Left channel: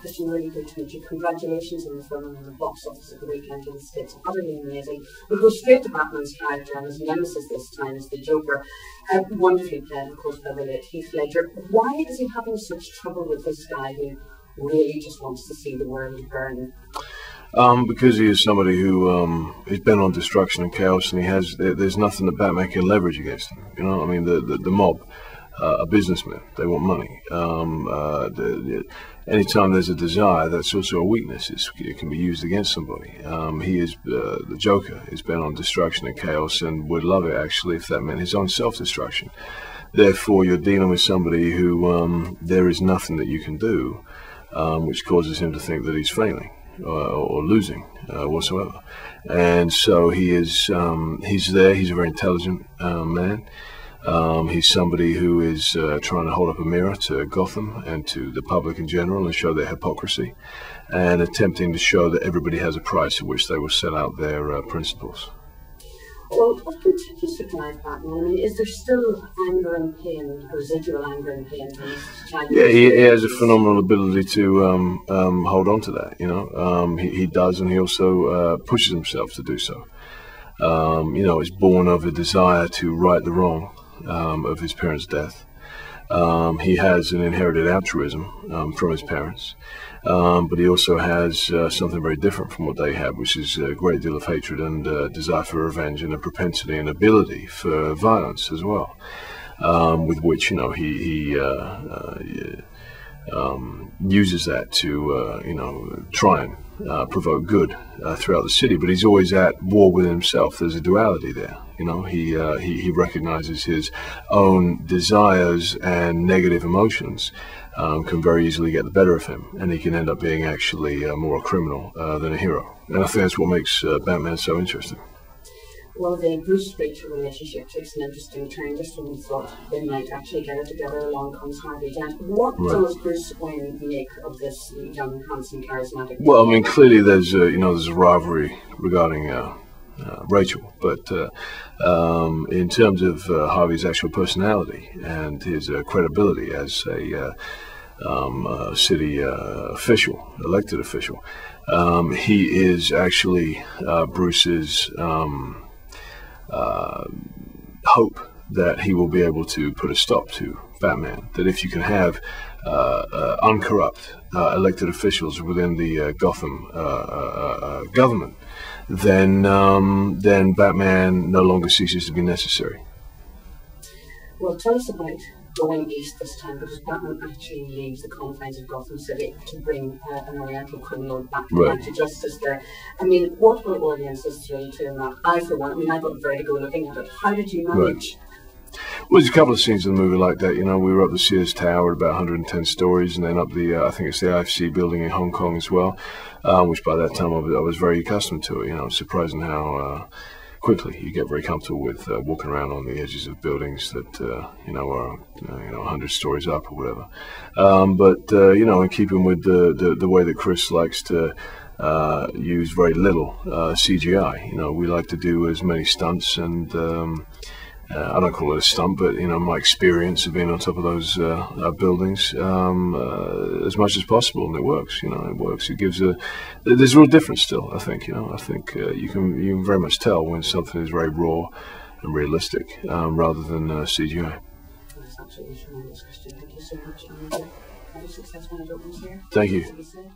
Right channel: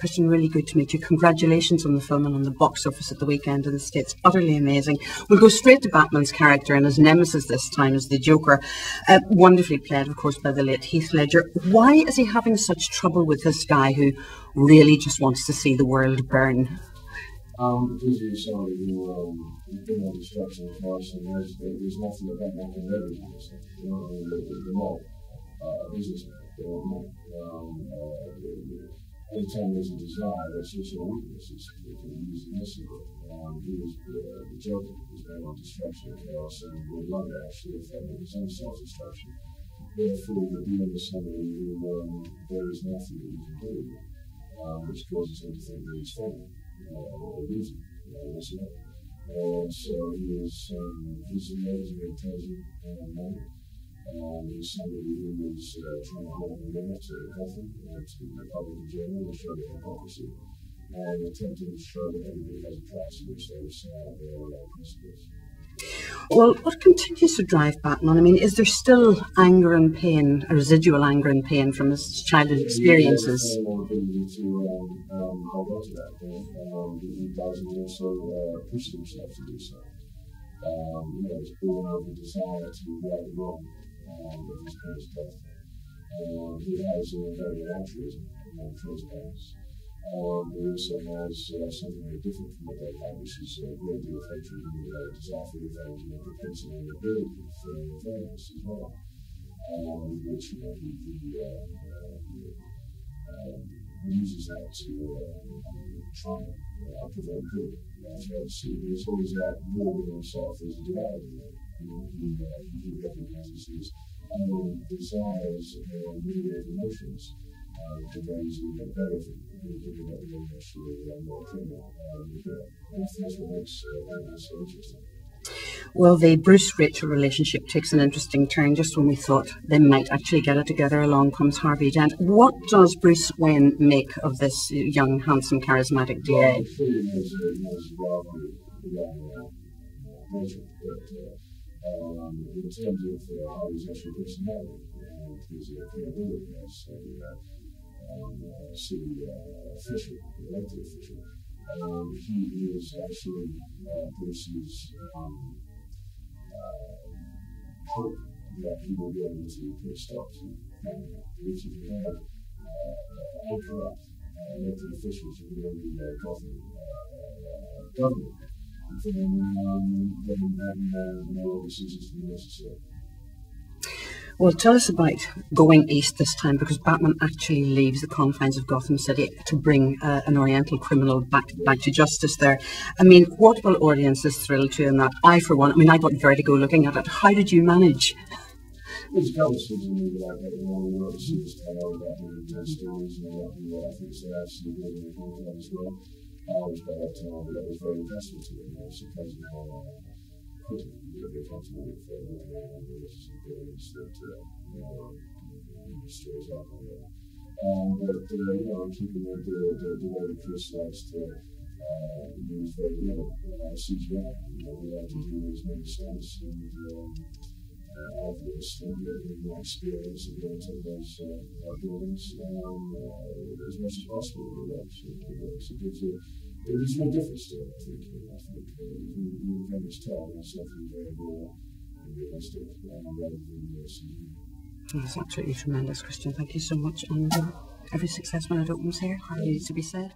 Christian, really good to meet you. Congratulations on the film and on the box office at the weekend in the States. Utterly amazing. We'll go straight to Batman's character and his nemesis this time is the Joker. Wonderfully played, of course, by the late Heath Ledger. Why is he having such trouble with this guy who really just wants to see the world burn? Because he is somebody who is bent on destruction and chaos, and there's nothing that Batman can leverage against him. You know, I mean, the mob are businessmen. They want money. Anytime there's a desire, that's also a weakness. It can be used against somebody. The Joker is bent on destruction and chaos, and would love it actually if that meant his own self-destruction. Therefore, you're dealing with somebody who there is nothing that you can do, which causes him to think that he's failing. Or losing whatsoever, and so he's there. He's a very intelligent man. He's somebody who is trying to hold up a mirror to Gotham and to the public in general and show their hypocrisy, and attempting to show that everybody has a price at which they will set out their principles. Well, what continues to drive Batman? I mean, is there still anger and pain, a residual anger and pain from his childhood experiences? He has a phenomenal ability to hold on to that, you know. He does, and he also pushes himself to do so. You know, it's born of a desire to right the wrong of his parents' death. He has an inherited altruism from his parents. But he also has something very different from what they have, which is a great deal of hatred and desire for revenge and a propensity and ability for violence as well, with which, you know, he uses that to, you know, try and provoke good throughout the city. But he's always at war with himself. There's a duality there. You know, he recognizes his own desires and negative emotions can very easily get the better of him, and he can end up being actually more a criminal than a hero. And I think that's what makes Batman so interesting. Well, the Bruce-Rachel relationship takes an interesting turn. Just when we thought they might actually get it together, along comes Harvey Dent. What does Bruce Wayne make of this young, handsome, charismatic Well, I mean, clearly there's a, you know, there's a rivalry regarding Rachel, but in terms of Harvey's actual personality and his credibility as a city official, elected official, he is actually Bruce's hope that he will be able to put a stop to Batman. That if you can have uncorrupt elected officials within the Gotham government, then Batman no longer ceases to be necessary. Well, tell us about going east this time, because Batman actually leaves the confines of Gotham City to bring an Oriental criminal back to justice there. I mean, what will audiences thrill to in that? I, for one, I mean, I got vertigo looking at it. How did you manage? Well, there's a couple of scenes in the movie like that. You know, we were up the Sears Tower at about 110 stories, and then up the, I think it's the IFC building in Hong Kong as well, which by that time I was very accustomed to it. You know, it's surprising how quickly you get very comfortable with walking around on the edges of buildings that you know are 100 stories up or whatever. But you know, in keeping with the way that Chris likes to use very little CGI, you know, we like to do as many stunts and. I don't call it a stunt, but you know, my experience of being on top of those buildings as much as possible, and it works. You know, it works. It gives there's a real difference still. I think. You know, I think you can very much tell when something is very raw and realistic rather than CGI. That's absolutely tremendous, Christian. Thank you so much, and every success when it opens here. Thank you. To be said.